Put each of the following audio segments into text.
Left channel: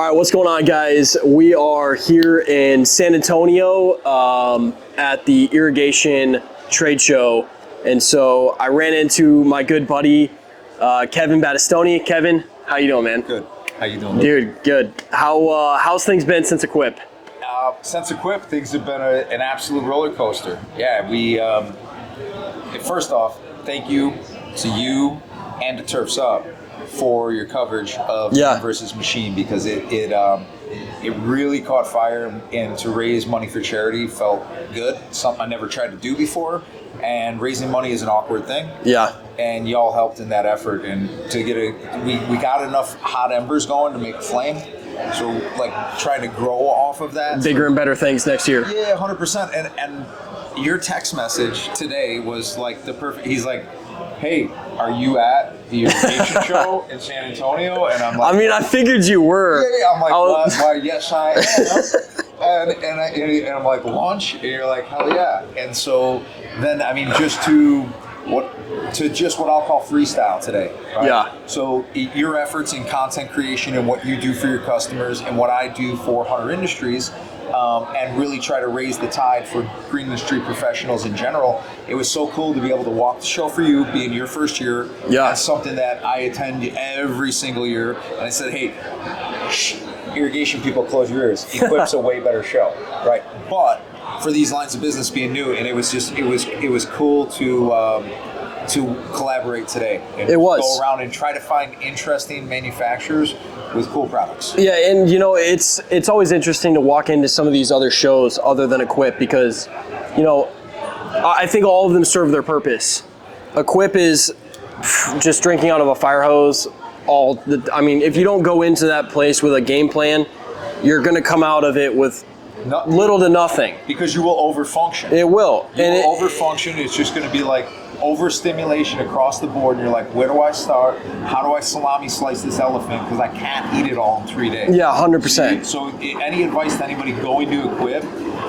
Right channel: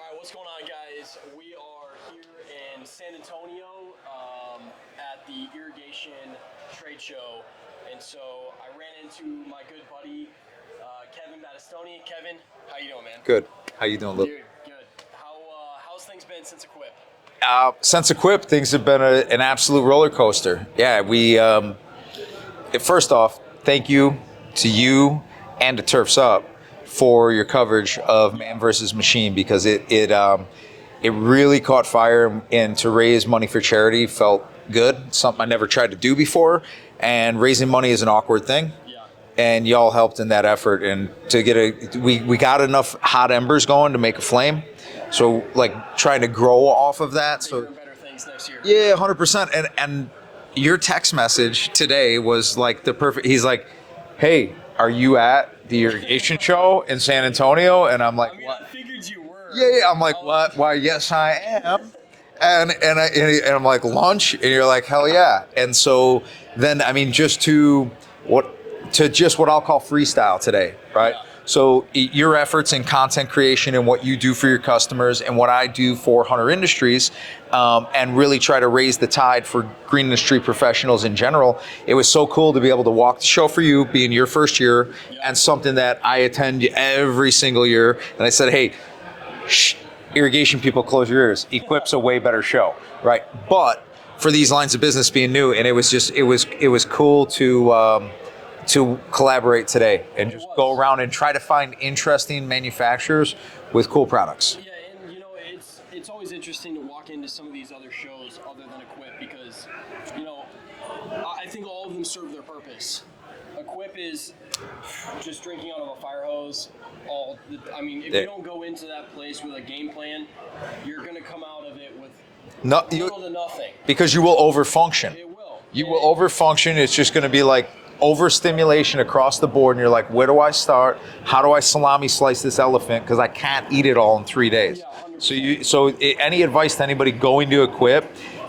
All right, what's going on, guys? We are here in San Antonio at the irrigation trade show. And so I ran into my good buddy, Kevin Battistoni. Kevin, how you doing, man? Good. How you doing? Dude, good. How's things been since Equip? Since Equip, things have been an absolute roller coaster. Yeah, we, first off, thank you to you and to Turfs Up for your coverage of Man versus Machine, because it really caught fire, and to raise money for charity felt good. Something I never tried to do before, and raising money is an awkward thing. Yeah. And y'all helped in that effort, and to get we got enough hot embers going to make a flame. So like trying to grow off of that. Bigger and better things next year. Yeah, 100%. And your text message today was like the perfect. He's like, "Hey, are you at the irrigation show in San Antonio?" And I'm like, I mean, I figured you were. Yeah. I'm like, what? Why? Yes, I am. and I'm like, lunch? And you're like, hell yeah. And so then, I mean, just what I'll call freestyle today, right? Yeah. So your efforts in content creation and what you do for your customers and what I do for Hunter Industries, and really try to raise the tide for green industry professionals in general. It was so cool to be able to walk the show for you, being your first year, and something that I attend every single year. And I said, hey, irrigation people, close your ears. Equip's a way better show, right? But for these lines of business being new, and it was cool to collaborate today and go around and try to find interesting manufacturers with cool products. Yeah, and you know, it's always interesting to walk into some of these other shows other than Equip, because, you know, I think all of them serve their purpose. Equip is just drinking out of a fire hose. If you don't go into that place with a game plan, you're going to come out of it with little to nothing. Because you will overfunction. It will. You will overfunction. It's just going to be like overstimulation across the board, and you're like, where do I start? How do I salami slice this elephant? Because I can't eat it all in 3 days. Yeah, 100%. So any advice to anybody going to Equip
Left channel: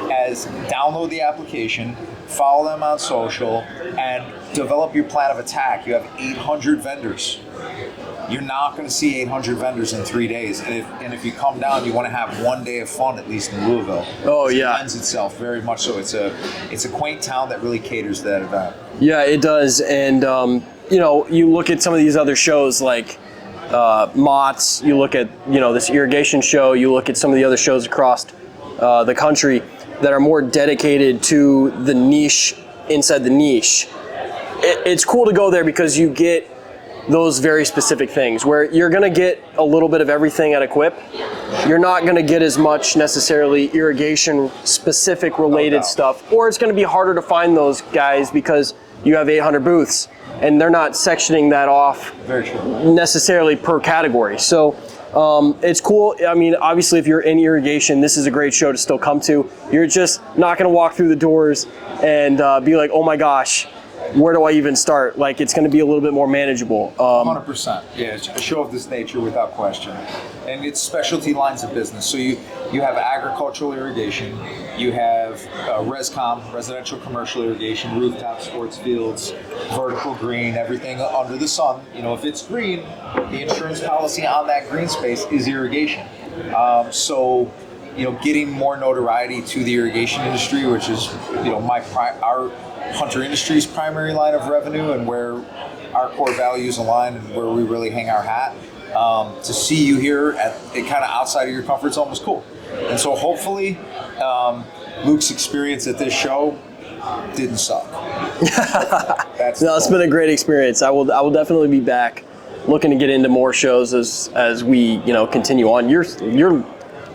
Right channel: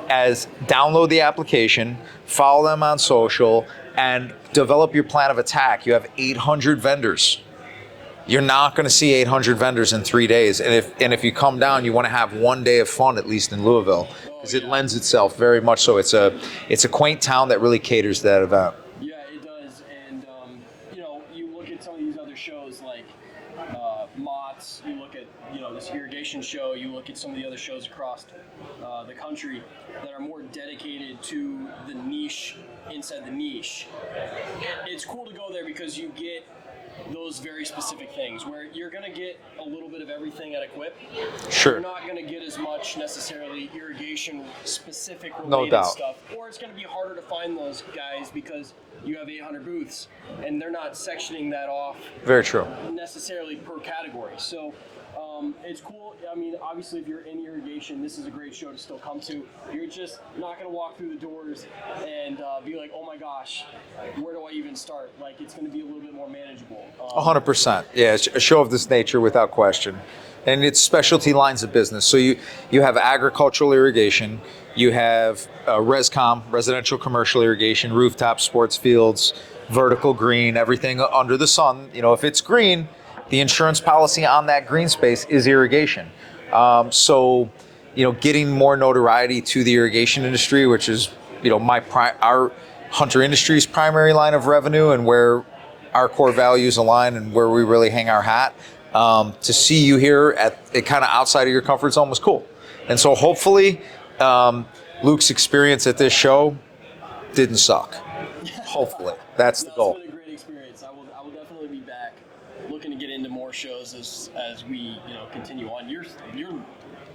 as download the application, follow them on social, and develop your plan of attack. You have 800 vendors. You're not going to see 800 vendors in 3 days. And if you come down, you want to have 1 day of fun, at least in Louisville. Oh, yeah. It lends itself very much so. It's a quaint town that really caters to that event. Yeah, it does. And, you know, you look at some of these other shows like Mott's, you look at, you know, this irrigation show, you look at some of the other shows across the country that are more dedicated to the niche inside the niche. It's cool to go there because you get those very specific things where you're going to get a little bit of everything at Equip. Sure. You're not going to get as much necessarily irrigation specific related stuff, or it's going to be harder to find those guys because you have 800 booths and they're not sectioning that off necessarily per category. So it's cool. I mean, obviously if you're in irrigation, this is a great show to still come to. You're just not going to walk through the doors and be like, oh my gosh, where do I even start? Like, it's going to be a little bit more manageable. 100%. Yeah, it's a show of this nature without question. And it's specialty lines of business. So you have agricultural irrigation, you have ResCom, residential commercial irrigation, rooftop sports fields, vertical green, everything under the sun. You know, if it's green, the insurance policy on that green space is irrigation. So, you know, getting more notoriety to the irrigation industry, which is, you know, our Hunter Industries' primary line of revenue and where our core values align and where we really hang our hat. To see you here at it kind of outside of your comfort zone was cool. And so hopefully Luke's experience at this show didn't suck. It's been a great experience. I will definitely be back, looking to get into more shows as we, you know, continue on. You're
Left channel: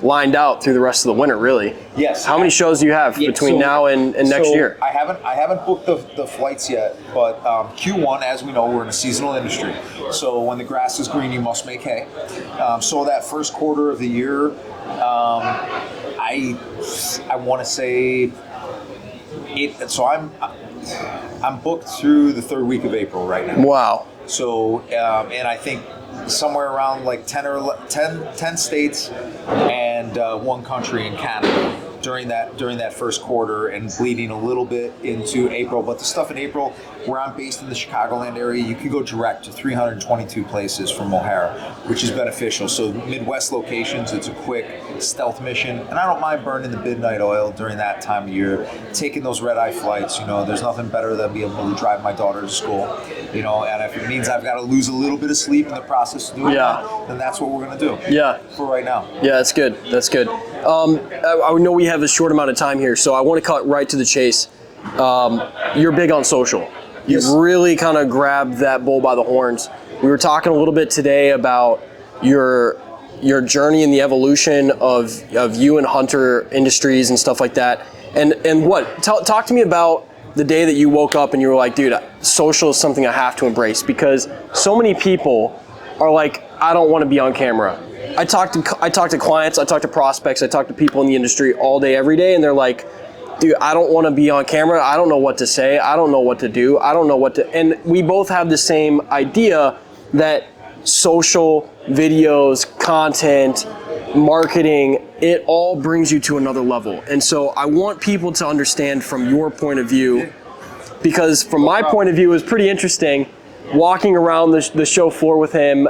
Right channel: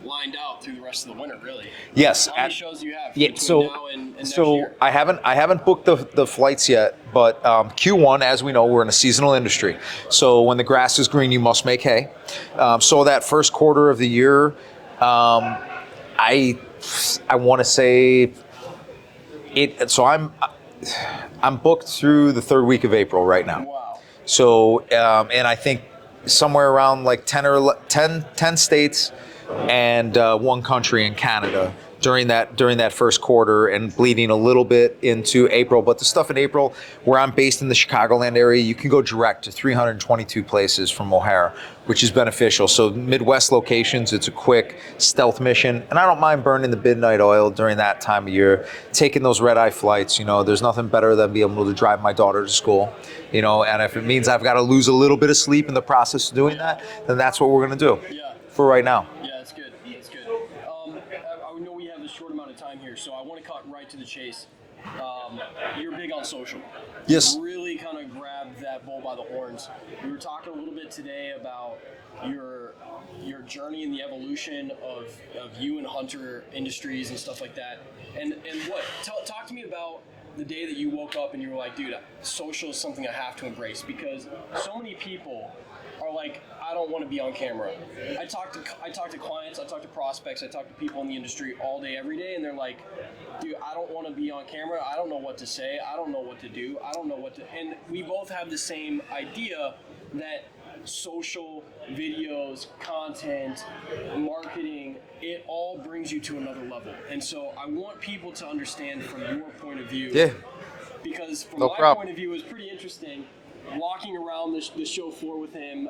lined out through the rest of the winter, really. Yes. How many shows do you have between now and next year? I haven't booked the flights yet, but Q1, as we know, we're in a seasonal industry. So when the grass is green, you must make hay. So that first quarter of the year, I want to say it. So I'm booked through the third week of April right now. Wow. So and I think somewhere around like 10 states and one country in Canada during that first quarter and bleeding a little bit into April. But the stuff in April, where I'm based in the Chicagoland area, you can go direct to 322 places from O'Hare, which is beneficial. So Midwest locations, it's a quick stealth mission, and I don't mind burning the midnight oil during that time of year, taking those red-eye flights. There's nothing better than being able to drive my daughter to school, and if it means I've got to lose a little bit of sleep in the process of doing that, then that's what we're going to do. Yeah. For right now. Yeah, that's good. That's good. I know we have a short amount of time here, so I want to cut right to the chase. You're big on social. Yes. You really kind of grabbed that bull by the horns. We were talking a little bit today about your journey and the evolution of you and Hunter Industries and stuff like that. And talk to me about the day that you woke up and you were like, dude, social is something I have to embrace, because so many people are like, I don't want to be on camera. I talk to clients, I talk to prospects, I talk to people in the industry all day, every day, and they're like, dude, I don't want to be on camera. I don't know what to say. I don't know what to do. I don't know what to, and we both have the same idea that social, videos, content, marketing, it all brings you to another level. And so I want people to understand from your point of view, because from my point of view, it was pretty interesting walking around the show floor with him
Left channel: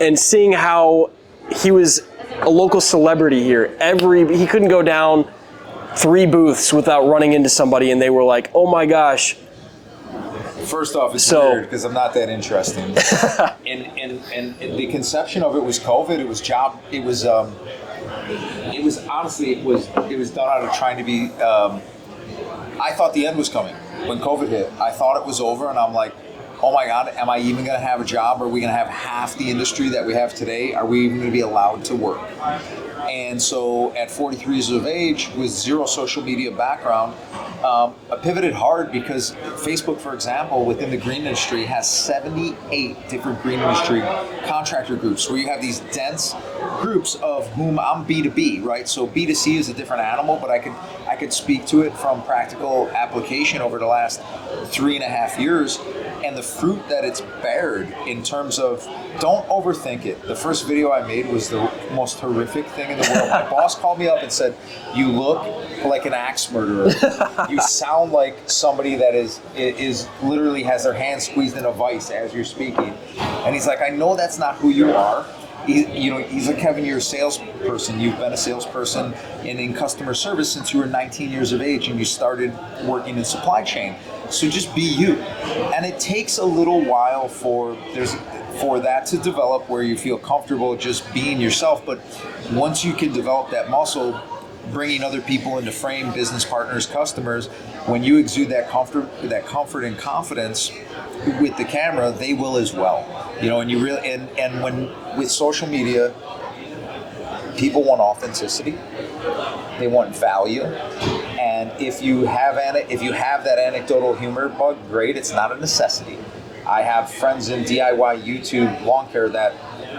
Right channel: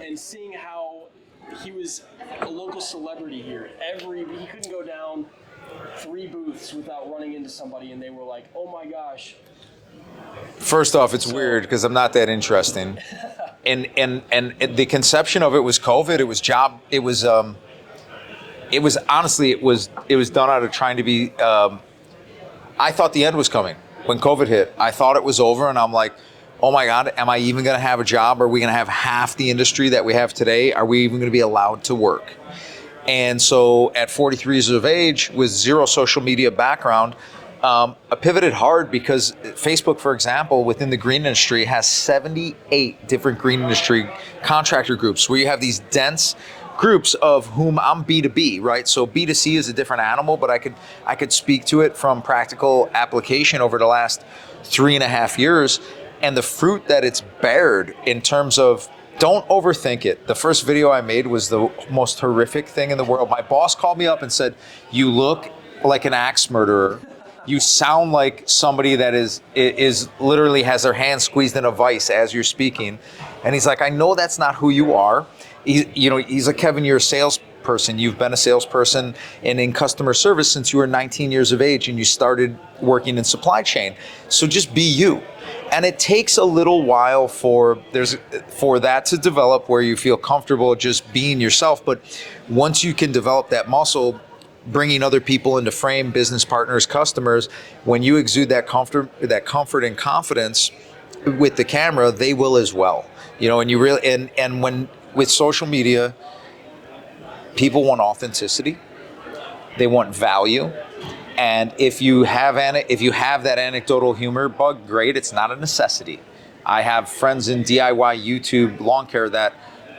and seeing how he was a local celebrity here. He couldn't go down 3 booths without running into somebody and they were like, oh my gosh. First off, it's weird because I'm not that interesting. and the conception of it was COVID. It was job. It was honestly, it was done out of trying to be. I thought the end was coming when COVID hit. I thought it was over, and I'm like, oh my God, am I even going to have a job? Are we going to have half the industry that we have today? Are we even going to be allowed to work? And so at 43 years of age, with zero social media background, I pivoted hard because Facebook, for example, within the green industry has 78 different green industry contractor groups where you have these dense groups of whom I'm B2B, right? So B2C is a different animal, but I could speak to it from practical application over the last 3.5 years, and the fruit that it's bared in terms of, don't overthink it. The first video I made was the most horrific thing in the world. My boss called me up and said, you look like an axe murderer. You sound like somebody that is literally has their hand squeezed in a vice as you're speaking. And he's like, I know that's not who you are. He's like, Kevin, you're a salesperson. You've been a salesperson and in customer service since you were 19 years of age and you started working in supply chain. So just be you. And it takes a little while for that to develop where you feel comfortable just being yourself. But once you can develop that muscle, bringing other people into frame, business partners, customers, when you exude that comfort and confidence with the camera, they will as well. And you really and when with social media, people want authenticity, they want value, and if you have that anecdotal humor bug, great. It's not a necessity. I have friends in DIY YouTube lawn care that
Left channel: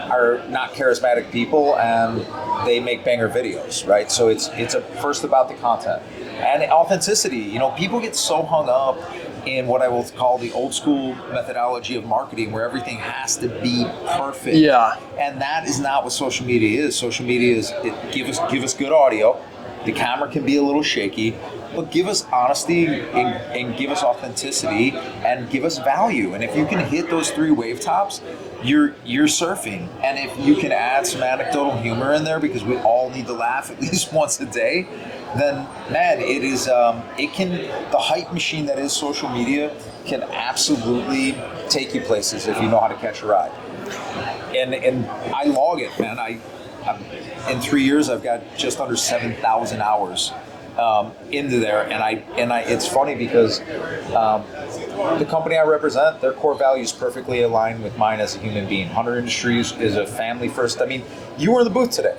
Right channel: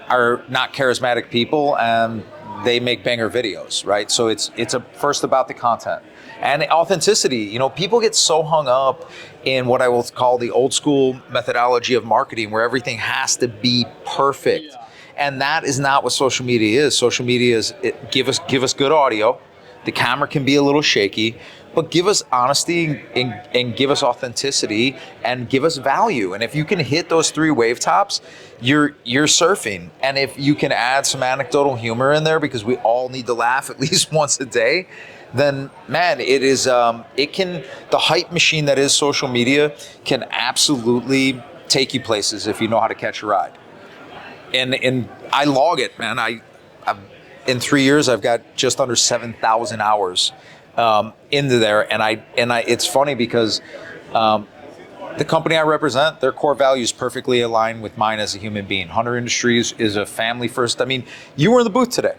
are not charismatic people, and they make banger videos, right? So it's first about the content and authenticity. People get so hung up in what I will call the old school methodology of marketing, where everything has to be perfect. Yeah. And that is not what social media is. Social media is give us good audio. The camera can be a little shaky, but give us honesty and give us authenticity and give us value. And if you can hit those 3 wave tops, you're surfing. And if you can add some anecdotal humor in there, because we all need to laugh at least once a day, then man, it is the hype machine that is social media can absolutely take you places if you know how to catch a ride. And I log it, man. I in 3 years I've got just under 7,000 hours into there, and I it's funny because the company I represent, their core values perfectly align with mine as a human being. Hunter Industries is a family first. I mean, you were in the booth today,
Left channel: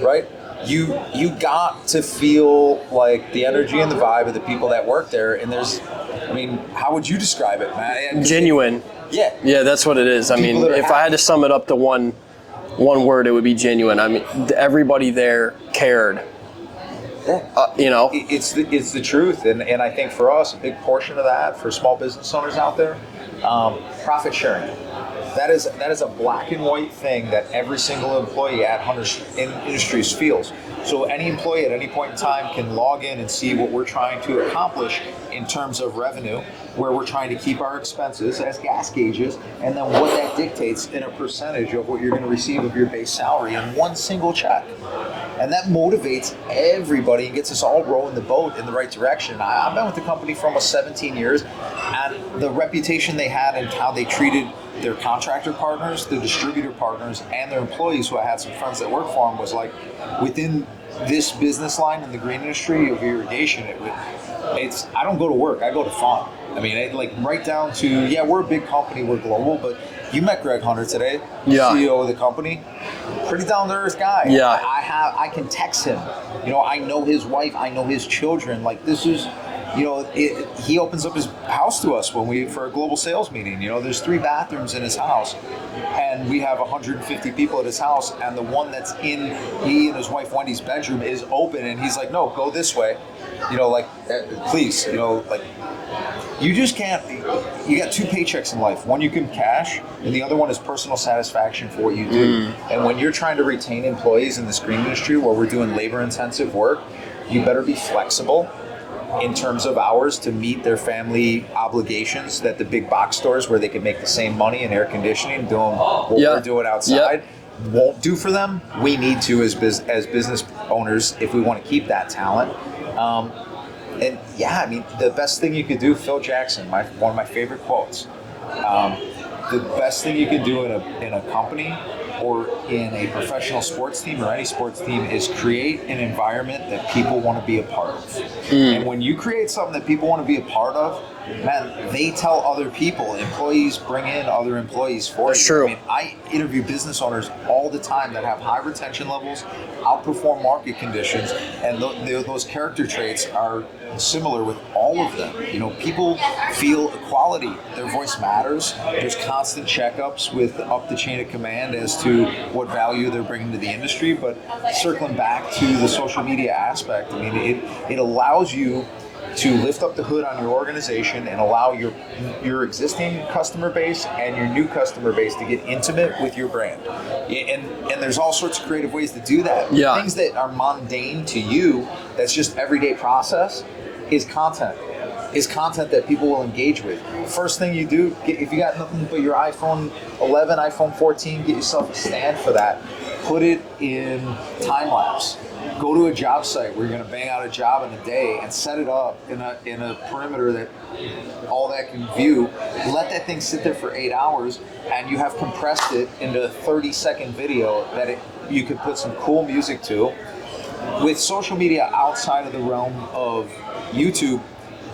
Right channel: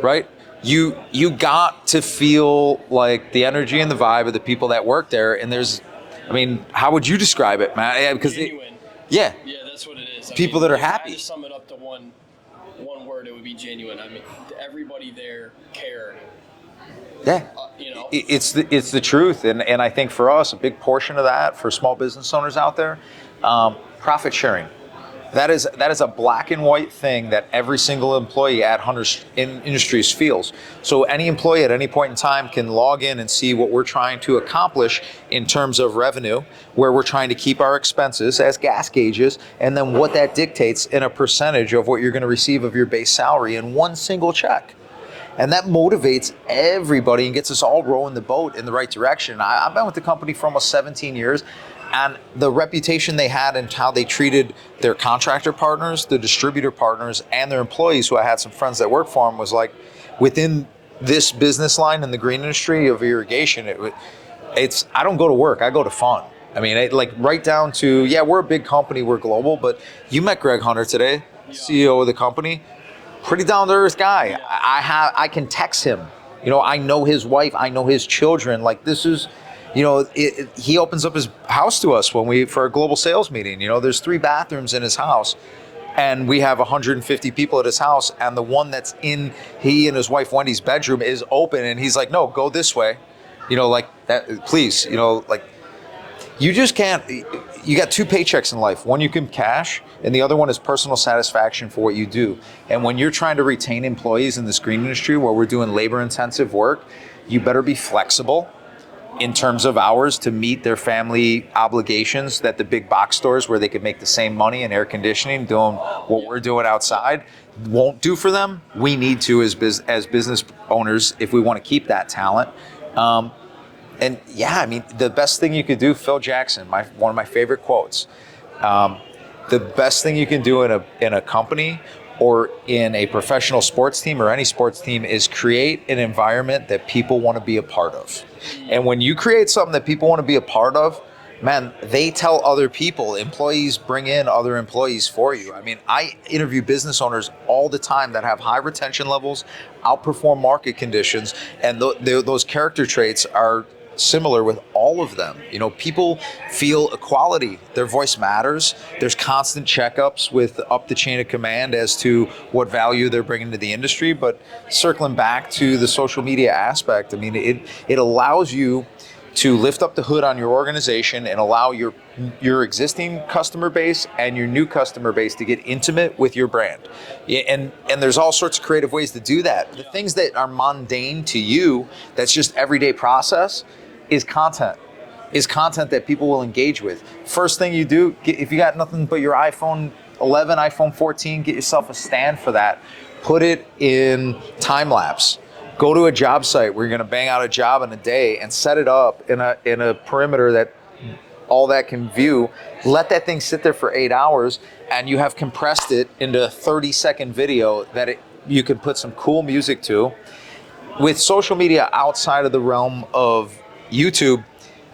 right? You got to feel like the energy and the vibe of the people that work there, and how would you describe it, man? Genuine. Yeah, that's what it is. I mean, if I had to sum it up to one word, it would be genuine. I mean, everybody there cared. Yeah, it's the truth, and I think for us, a big portion of that for small business owners out there, profit sharing. That is a black and white thing that every single employee at Hunter's Industries feels. So any employee at any point in time can log in and see what we're trying to accomplish in terms of revenue, where we're trying to keep our expenses as gas gauges, and then what that dictates in a percentage of what you're going to receive of your base salary in one single check. And that motivates everybody and gets us all rowing the boat in the right direction. I've been with the company for almost 17 years, and the reputation they had and how they treated their contractor partners, the distributor partners, and their employees, who I had some friends that work for them, was like, within this business line in the green industry of irrigation, I don't go to work, I go to fun. I mean, like right down to, yeah, we're a big company, we're global, but you met Greg Hunter today, CEO of the company. Pretty down to earth guy. Yeah. I can text him. You know, I know his wife, I know his children. Like, this is, you know, he opens up his house to us for a global sales meeting. You know, there's 3 bathrooms in his house, and we have 150 people at his house, and the one that's in he and his wife Wendy's bedroom is open, and he's like, no, go this way. You know, like that, please. You know, like, you just can't. You got 2 paychecks in life. One you can cash, and the other one is personal satisfaction for what you do. And when you're trying to retain employees in this green industry where we're doing labor-intensive work, you better be flexible in terms of hours to meet their family obligations that the big box stores, where they can make the same money in air conditioning doing what we're doing outside, won't do for them. We need to, as business owners, if we want to keep that talent. And yeah, I mean, the best thing you could do, Phil Jackson, one of my favorite quotes, the best thing you can do in a company or in a professional sports team or any sports team is create an environment that people want to be a part of. And when you create something that people want to be a part of, man, they tell other people. Employees bring in other employees for you. True. I mean, I interview business owners all the time that have high retention levels, outperform market conditions, and those character traits are similar with all of them. You know, people feel equality. Their voice matters. There's constant checkups with up the chain of command as to what value they're bringing to the industry. But circling back to the social media aspect, I mean, it allows you to lift up the hood on your organization and allow your existing customer base and your new customer base to get intimate with your brand. And there's all sorts of creative ways to do that. Yeah. Things that are mundane to you, that's just everyday process, is content that people will engage with. First thing you do, if you got nothing but your iPhone 11, iPhone 14, get yourself a stand for that. Put it in time lapse. Go to a job site where you're going to bang out a job in a day and set it up in a perimeter that all that can view. Let that thing sit there for 8 hours, and you have compressed it into a 30-second video that you can put some cool music to. With social media outside of the realm of YouTube,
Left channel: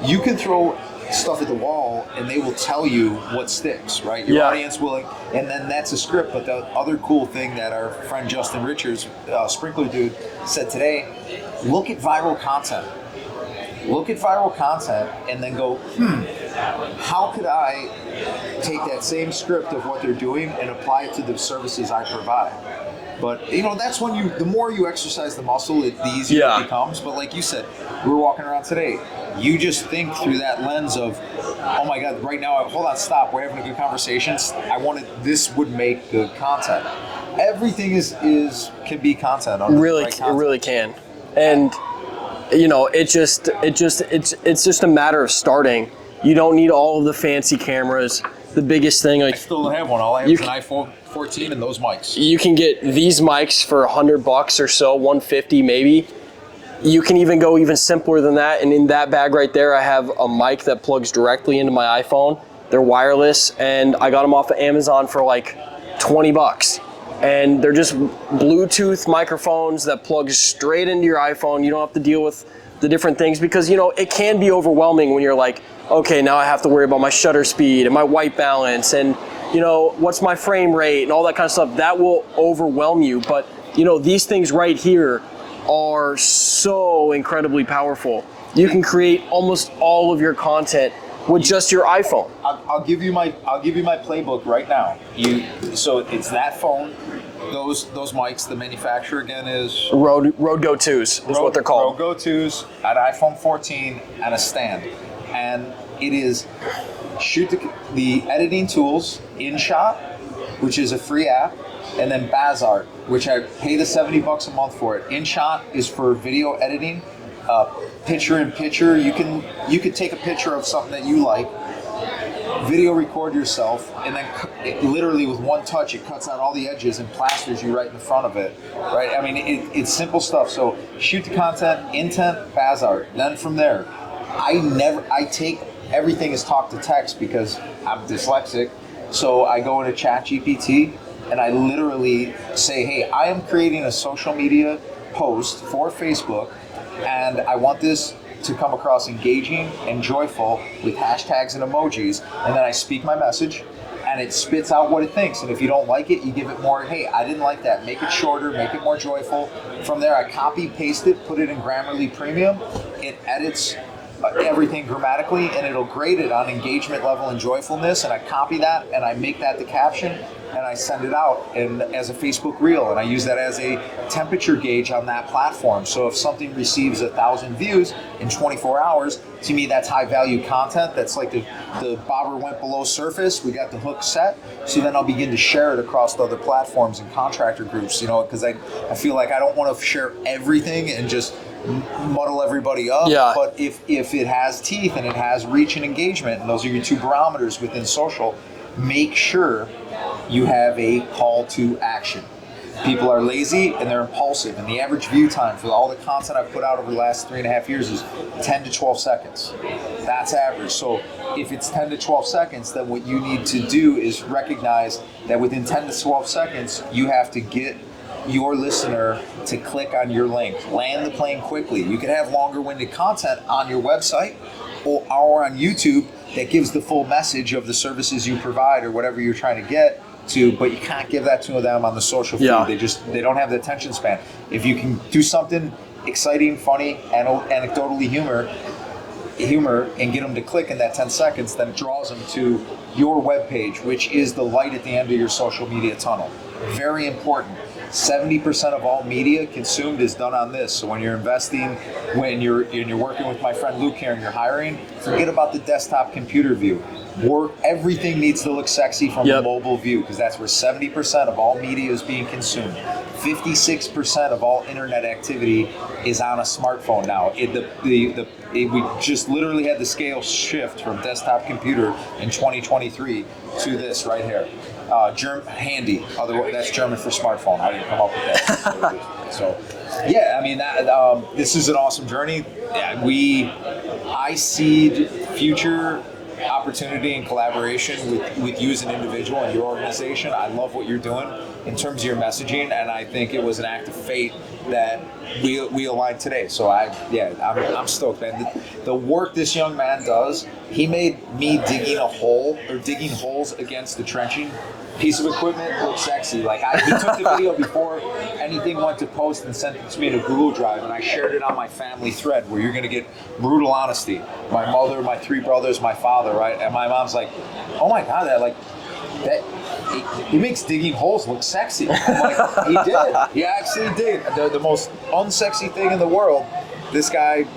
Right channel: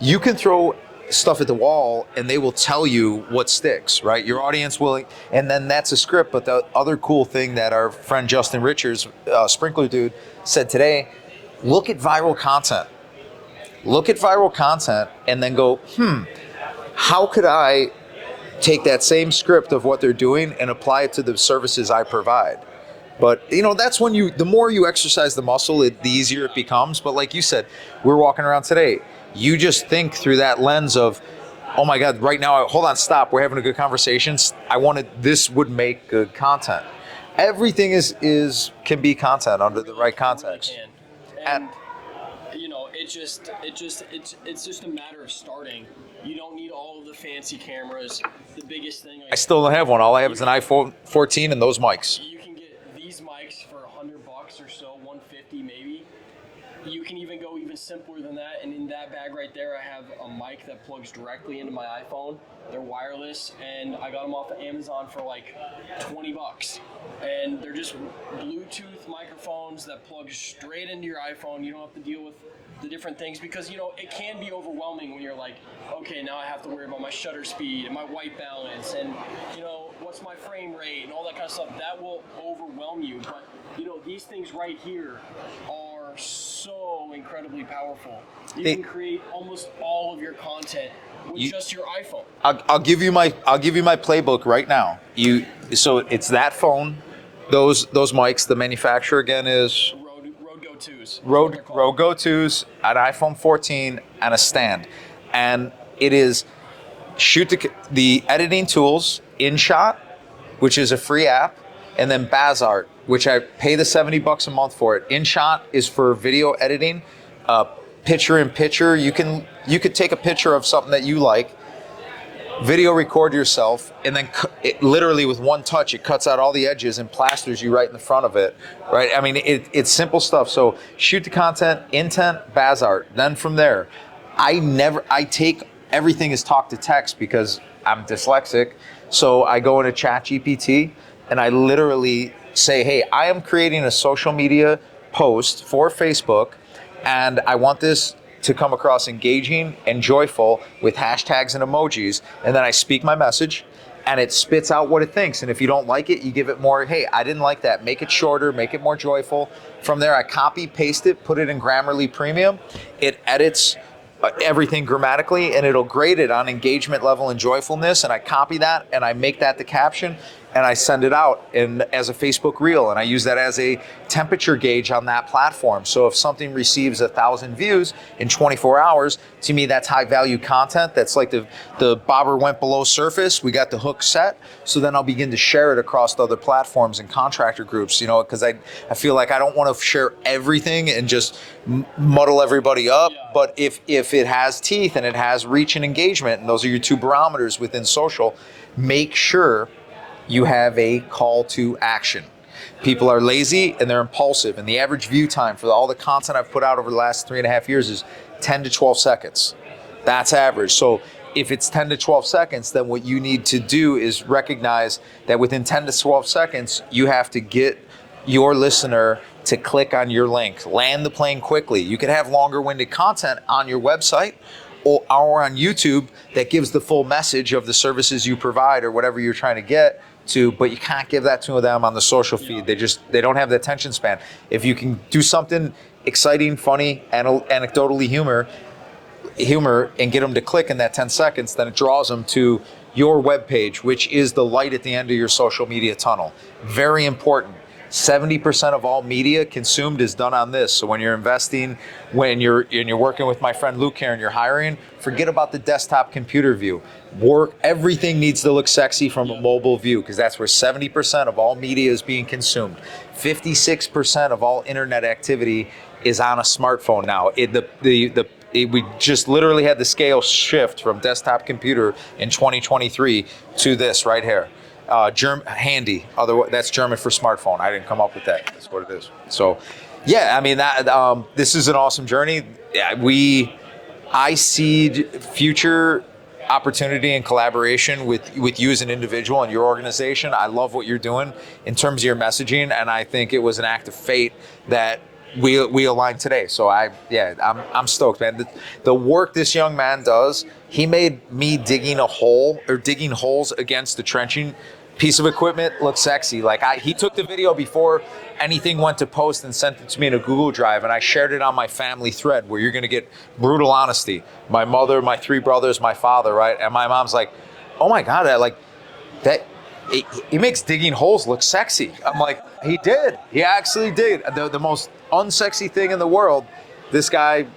you can throw stuff at the wall and they will tell you what sticks, right? Your audience will, and then that's a script. But the other cool thing that our friend Justin Richards, Sprinkler Dude, said today, look at viral content. Look at viral content and then go, how could I take that same script of what they're doing and apply it to the services I provide? But, you know, that's when the more you exercise the muscle, the easier it becomes. But like you said, we're walking around today. You just think through that lens of, oh my God, right now, hold on, stop. We're having a good conversation. This would make good content. Everything can be content under the right content. It really can. And you know, it's just a matter of starting. You don't need all of the fancy cameras. The biggest thing, like, I still don't have one. All I have is an iPhone 14 and those mics. You can get these mics for $100 or so, $150 maybe. You can even go even simpler than that. And in that bag right there, I have a mic that plugs directly into my iPhone. They're wireless, and I got them off of Amazon for like $20. And they're just Bluetooth microphones that plug straight into your iPhone. You don't have to deal with the different things, because, you know, it can be overwhelming when you're like, okay, now I have to worry about my shutter speed and my white balance and, you know, what's my frame rate and all that kind of stuff. That will overwhelm you. But, you know, these things right here are so incredibly powerful. You can create almost all of your content with just your iPhone. I'll give you my playbook right now. So it's that phone, those mics. The manufacturer again is Rode Go 2s. Is what they're called. Rode Go 2s, an iPhone 14, and a stand. And it is the editing tools, InShot, which is a free app, and then Bazart, which I pay the $70 a month for it. InShot is for video editing, picture in picture. You could take a picture of something that you like, video record yourself, and then literally with one touch, it cuts out all the edges and plasters you right in the front of it, right? I mean, it's simple stuff. So shoot the content, intent, Bazart. Then from there, I take everything as talk to text because I'm dyslexic. So I go into ChatGPT and I literally say, hey, I am creating a social media post for Facebook, and I want this to come across engaging and joyful with hashtags and emojis. And then I speak my message and it spits out what it thinks. And if you don't like it, you give it more, hey, I didn't like that. Make it shorter, make it more joyful. From there, I copy, paste it, put it in Grammarly Premium. It edits everything grammatically, and it'll grade it on engagement level and joyfulness. And I copy that and I make that the caption, and I send it out as a Facebook reel, and I use that as a temperature gauge on that platform. So if something receives 1,000 views in 24 hours, to me that's high value content. That's like the bobber went below surface. We got the hook set. So then I'll begin to share it across the other platforms and contractor groups, because I feel like I don't want to share everything and just muddle everybody up. Yeah. But if it has teeth and it has reach and engagement, and those are your two barometers within social, make sure you have a call to action. People are lazy and they're impulsive, and the average view time for all the content I've put out over the last 3.5 years is 10 to 12 seconds. That's average. So if it's 10 to 12 seconds, then what you need to do is recognize that within 10 to 12 seconds, you have to get your listener to click on your link. Land the plane quickly. You can have longer winded content on your website or on YouTube that gives the full message of the services you provide or whatever you're trying to get to, but you can't give that to them on the social feed. Yeah. They don't have the attention span. If you can do something exciting, funny, anecdotally humor and get them to click in that 10 seconds, then it draws them to your webpage, which is the light at the end of your social media tunnel. Very important. 70% of all media consumed is done on this. So when you're investing, when you're working with my friend Luke here and you're hiring, forget about the desktop computer view. Everything needs to look sexy from the mobile view, because that's where 70% of all media is being consumed. 56% of all internet activity is on a smartphone now. We just literally had the scale shift from desktop computer in 2023 to this right here. Handy, that's German for smartphone. I didn't come up with that. That's what it is. So, yeah, I mean, this is an awesome journey. I see future opportunity and collaboration with you as an individual and your organization. I love what you're doing in terms of your messaging, and I think it was an act of fate that we aligned today. So I'm stoked, man. The work this young man does, he made me digging holes against the trenching piece of equipment look sexy. Like he took the video before anything went to post and sent it to me in a Google Drive, and I shared it on my family thread where you're gonna get brutal honesty. My mother, my 3 brothers, my father, right? And my mom's like, oh my God, he makes digging holes look sexy. I'm like, he did. He actually did. The most unsexy thing in the world, this guy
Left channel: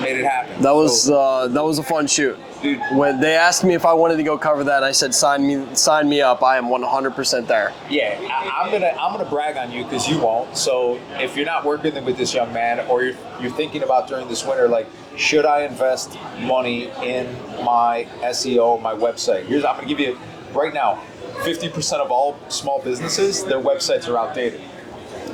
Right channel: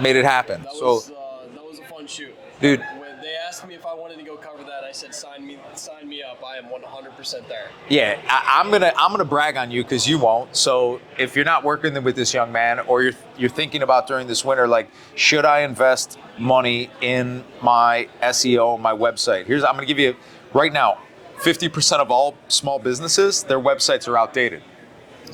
made it happen. That was a fun shoot. Dude, when they asked me if I wanted to go cover that, I said, sign me up. I am 100% there. Yeah, I'm gonna brag on you because you won't. So if you're not working with this young man, or you're thinking about during this winter, like, should I invest money in my SEO, my website? I'm gonna give you right now, 50% of all small businesses, their websites are outdated.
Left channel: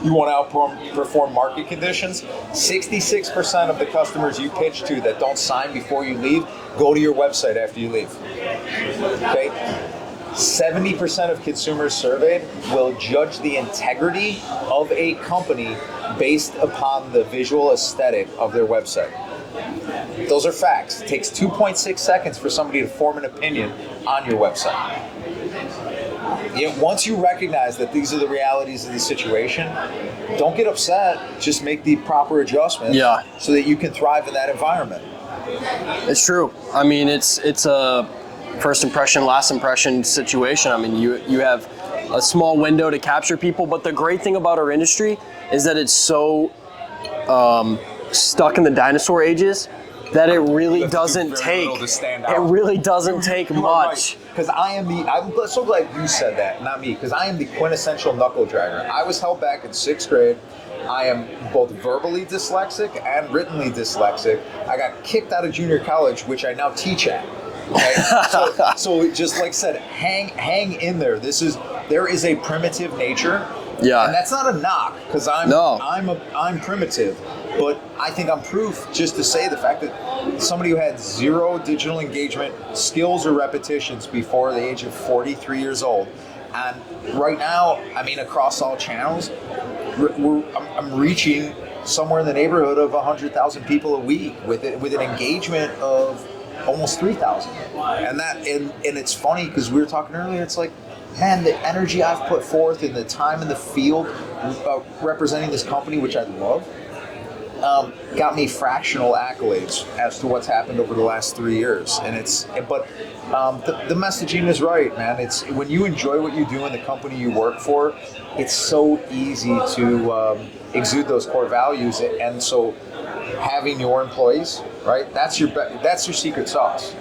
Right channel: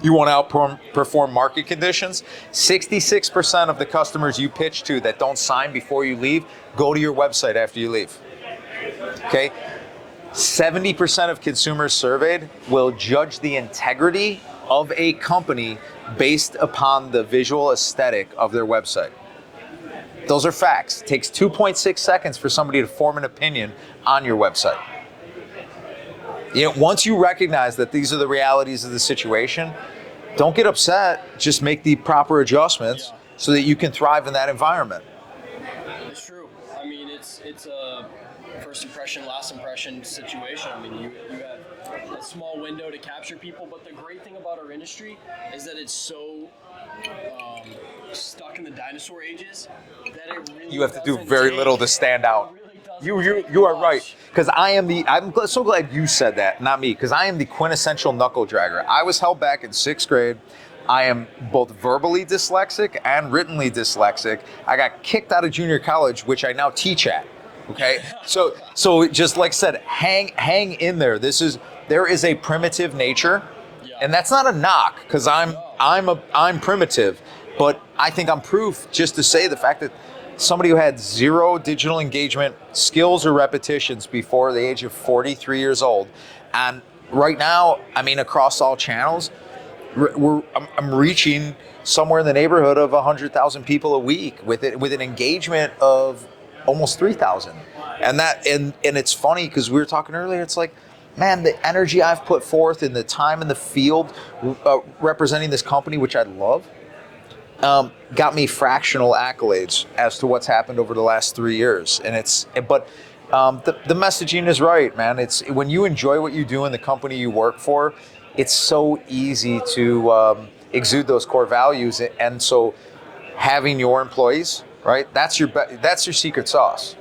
You want to outperform market conditions? 66% of the customers you pitch to that don't sign before you leave go to your website after you leave. Okay? 70% of consumers surveyed will judge the integrity of a company based upon the visual aesthetic of their website. Those are facts. It takes 2.6 seconds for somebody to form an opinion on your website. Once you recognize that these are the realities of the situation, don't get upset. Just make the proper adjustments so that you can thrive in that environment. It's true. I mean, it's a first impression, last impression situation. I mean, you have a small window to capture people, but the great thing about our industry is that it's so stuck in the dinosaur ages that it really You have to do doesn't very take little to stand out. It really doesn't take you much. are right. Because I'm so glad you said that, not me, because I am the quintessential knuckle dragger. I was held back in 6th grade. I am both verbally dyslexic and writtenly dyslexic. I got kicked out of junior college, which I now teach at. Okay, so just like I said, hang in there. There is a primitive nature, and that's not a knock because I'm primitive, but I think I'm proof just to say the fact that somebody who had 0 digital engagement skills or repetitions before the age of 43 years old, and right now, I mean, across all channels, I'm reaching somewhere in the neighborhood of 100,000 people a week with an engagement of almost 3,000. And it's funny because we were talking earlier, it's like, man, the energy I've put forth and the time in the field representing this company, which I love, got me fractional accolades as to what's happened over the last 3 years. But the messaging is right, man. It's when you enjoy what you do in the company you work for, it's so easy to exude those core values. And so having your employees, right, that's your secret sauce.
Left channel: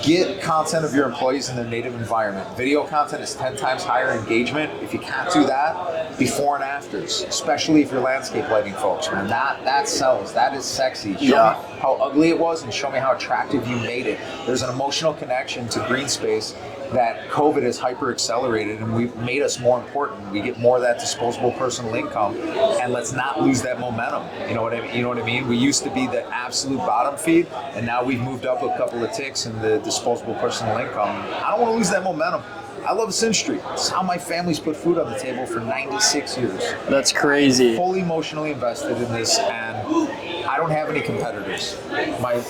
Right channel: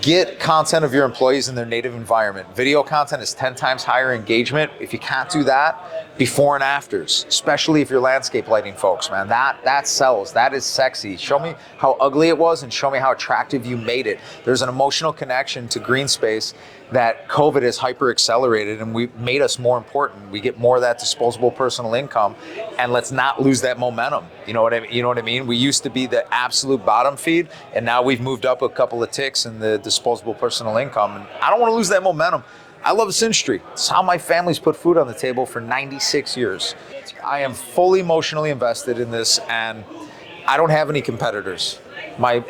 Get content of your employees in their native environment. Video content is 10 times higher engagement. If you can't do that, before and afters, especially if you're landscape lighting folks, man, that sells. That is sexy. Show me how ugly it was and show me how attractive you made it. There's an emotional connection to green space that COVID has hyper accelerated, and we've made us more important. We get more of that disposable personal income, and let's not lose that momentum. You know what I mean? We used to be the absolute bottom feed, and now we've moved up a couple of ticks in the disposable personal income. I don't want to lose that momentum. I love this industry. It's how my family's put food on the table for 96 years. That's crazy. I am fully emotionally invested in this, and I don't have any competitors. My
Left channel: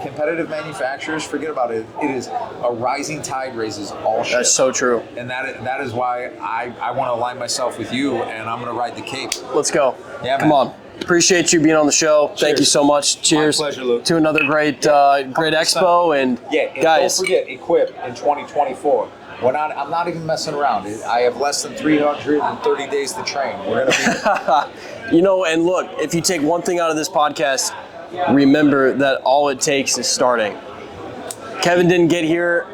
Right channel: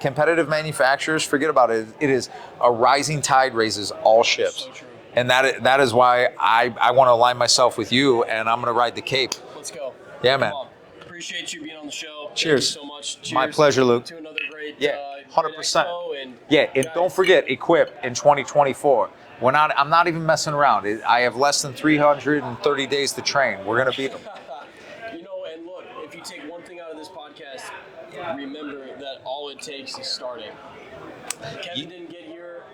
competitive manufacturers, forget about it. It is a rising tide raises all ships. That's so true. And that is why I want to align myself with you, and I'm going to ride the cape. Let's go. Yeah, man. Come on. Appreciate you being on the show. Cheers. Thank you so much. Cheers. My pleasure, Luke. To another great great 100%. expo. And and guys, don't forget, Equip in 2024. I'm not even messing around. I have less than 330 days to train. We're going to be... and look, if you take one thing out of this podcast, remember that all it takes is starting. Kevin didn't get here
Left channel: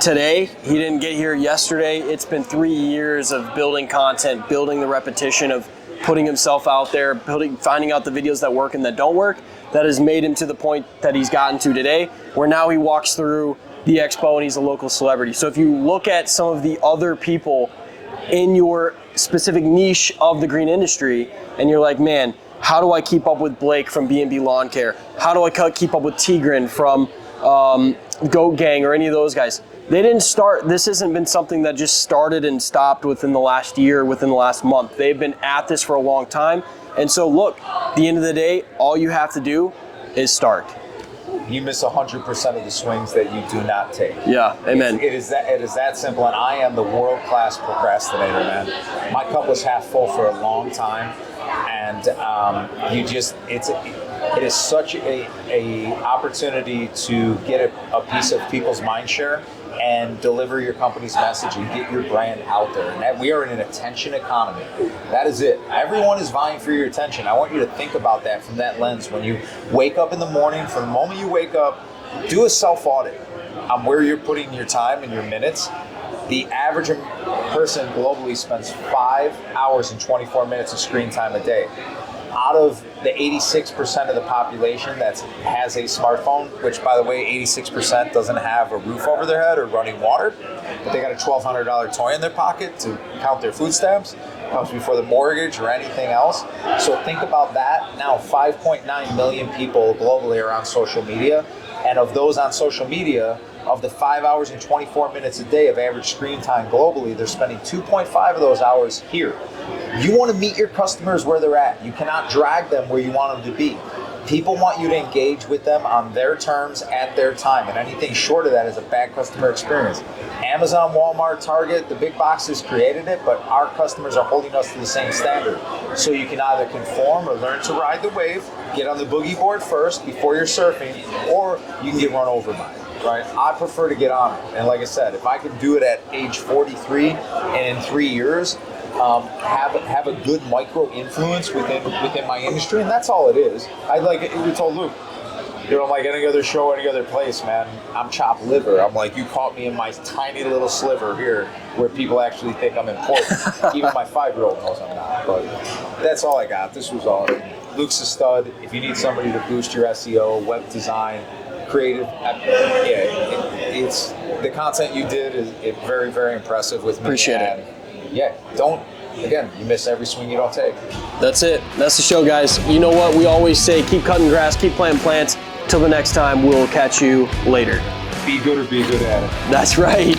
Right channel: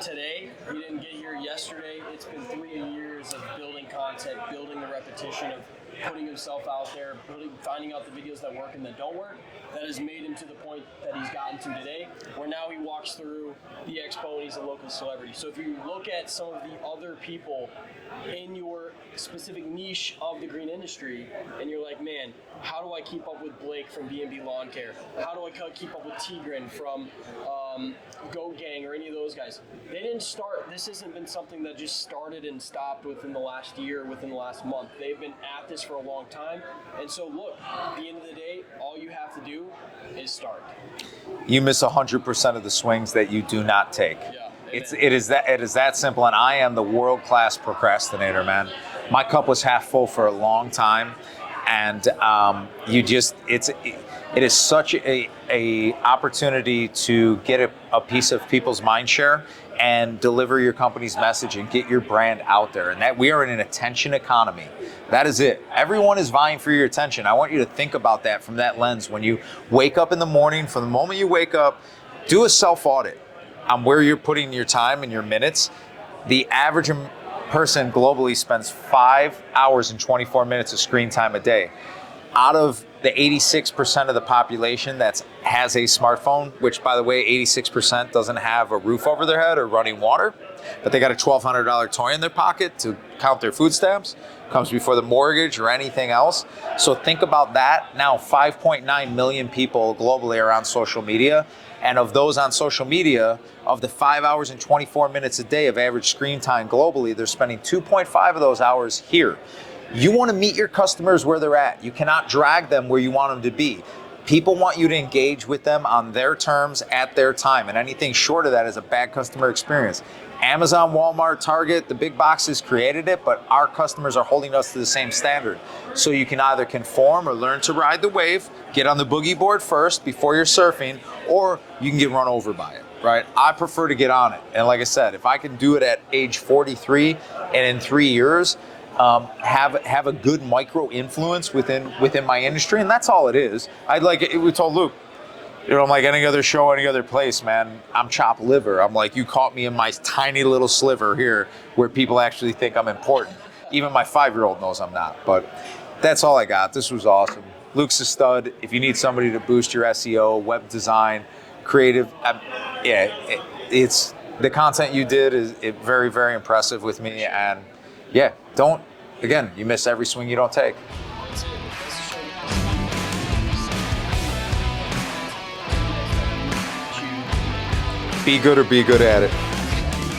today. He didn't get here yesterday. It's been 3 years of building content, building the repetition of putting himself out there, finding out the videos that work and that don't work. That has made him to the point that he's gotten to today, where now he walks through the expo and he's a local celebrity. So if you look at some of the other people in your specific niche of the green industry, and you're like, man, how do I keep up with Blake from B&B Lawn Care? How do I keep up with Tigran from Goat Gang or any of those guys? They didn't start, this hasn't been something that just started and stopped within the last year, within the last month. They've been at this for a long time. And so look, at the end of the day, all you have to do is start. You miss 100% of the swings that you do not take. Yeah, amen. It is that simple, and I am the world-class procrastinator, man. My cup was half full for a long time, and it is such a opportunity to get a piece of people's mind share and deliver your company's message and get your brand out there. And that we are in an attention economy. That is it. Everyone is vying for your attention. I want you to think about that from that lens. When you wake up in the morning, from the moment you wake up, do a self-audit on where you're putting your time and your minutes. The average person globally spends 5 hours and 24 minutes of screen time a day. Out of the 86% of the population that has a smartphone, which, by the way, 86% doesn't have a roof over their head or running water, but they got a $1,200 toy in their pocket to count their food stamps, comes before the mortgage or anything else. So think about that. Now, 5.9 million people globally are on social media, and of those on social media, of the 5 hours and 24 minutes a day of average screen time globally, they're spending 2.5 of those hours here. You want to meet your customers where they're at. You cannot drag them where you want them to be. People want you to engage with them on their terms at their time, and anything short of that is a bad customer experience. Amazon, Walmart, Target, the big boxes created it, but our customers are holding us to the same standard. So you can either conform or learn to ride the wave, get on the boogie board first before you're surfing, or you can get run over by it. Right? I prefer to get on it. And like I said, if I can do it at age 43 and in 3 years, have a good micro influence within my industry, and that's all it is. We told Luke, I'm like any other show, any other place, man. I'm chopped liver. I'm like, you caught me in my tiny little sliver here, where people actually think I'm important. Even my 5-year-old knows I'm not. But that's all I got. This was awesome. Luke's a stud. If you need somebody to boost your SEO, web design, creative, it's the content you did is very, very impressive with me. Appreciate it. Yeah, you miss every swing you don't take. That's it. That's the show, guys. You know what? We always say keep cutting grass, keep planting plants. Till the next time, we'll catch you later. Be good or be good at it. That's right.